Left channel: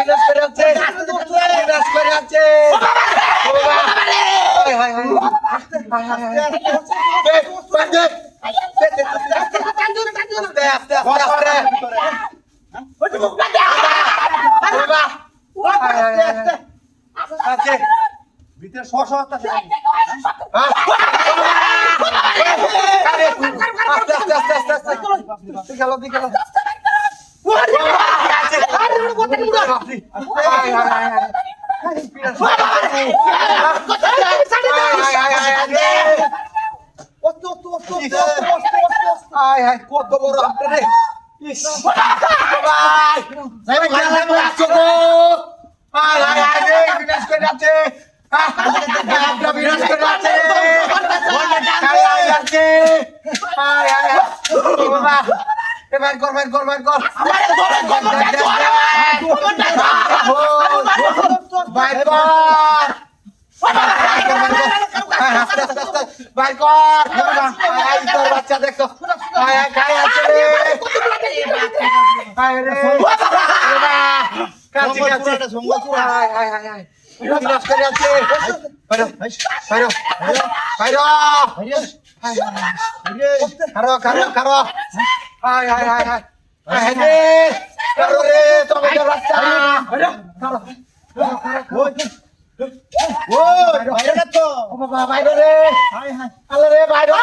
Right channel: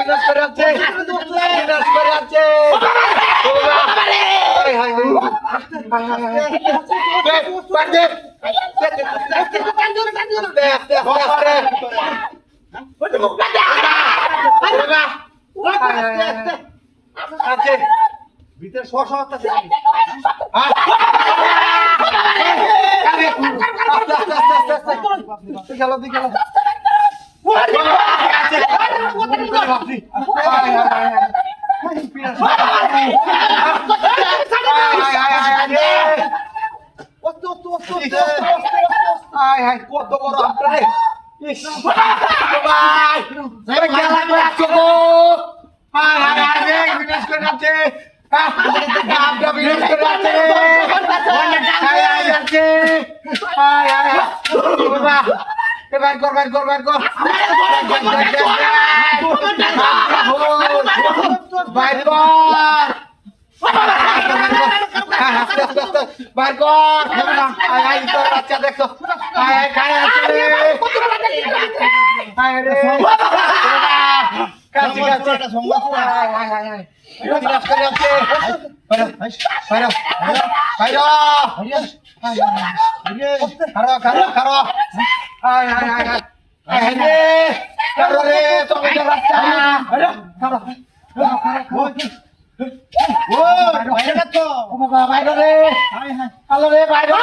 বিনাশ করে আছে বিনাশ করে আছে ভিতরে শ আস্তে আস্তে আস্তে আস্তে। গেল দি হাই যাচ্ছে। হাই হাই বাবা এবার কর বার কর বার কর। বাইর কর কর আজ তোর বাচ্চা দেখো কায় আছে রে আয় রে কাছে কাছে এটা সংবাদ আয় আয় আয় আয় রাস্তায় আছে বাইরে বাইরে বাইরে বাইরে কারও কারও কারও আয় আয় আয় আয় রে কারও রে তোমাদের রাস্তা কারও কারও কারও ও বাইরে না তো? ও বাবা বাইরো রে। হাই হাই আলো রে বাইরো